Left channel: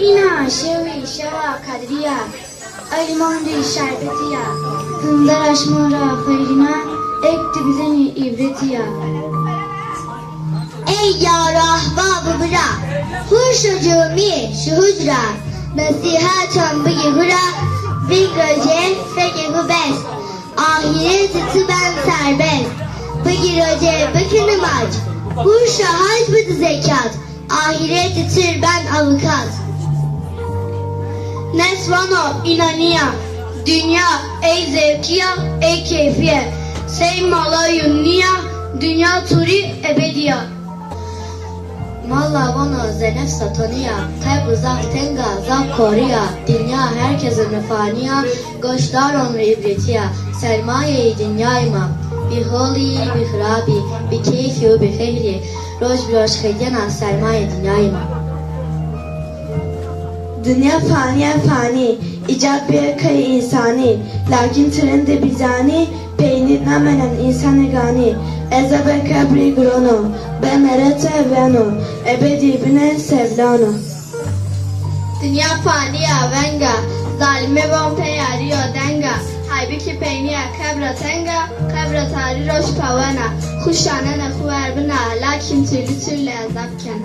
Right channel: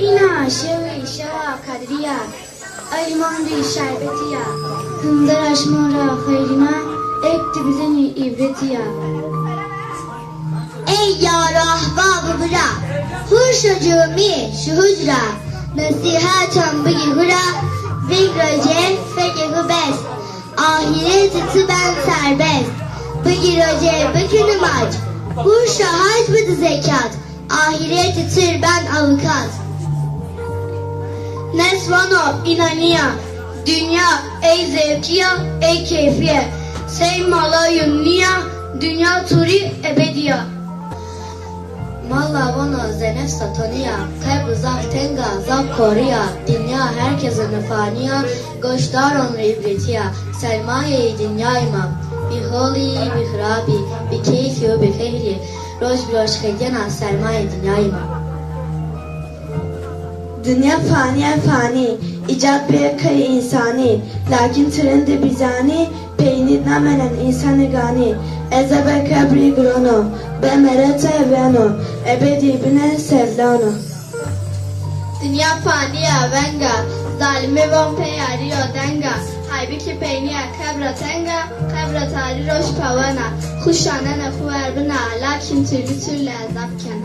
اینا شوی شوا کدریا ایماندی شربتیا همدرش مورا خیرینا ekti bize ibretiya. Ey yar ahbab-ı hura, hurşucumi şu hücra, nasihatam bıgı hura, bigrace fegı bes, ahireti ben serbest, bıgı roce bıkını maç, hurşa hac bıdı zekat, ahireti tır ben avukat. Nesvano inaniya, dünya ey zevkiya, ey keyfiye, sey malayun niya, dünya turi ebediya. Malla vana zenef sataniya, kabr zak tenga zak koriya, dünya herkesin faniya, goşdar onu ibretiya, sermaye-i dünyayma, bi holi, bi hrabi, bi keyfi, bi fehli, roj bi roşkegena sermaye dünyayma. Dünya faniye fani, icab bir kayı insani, lakin trende bizani, peynir namenen insanı gani, ezebe kabri grono, be merete evrano, ebedi bine sevdano. Dünya faniya venga, zalime von peyariyo denga, halbuki peyniya kabra tenga, kabra tali roş pavana, kuşana nefu erbina, lakin türlü türlü azapken.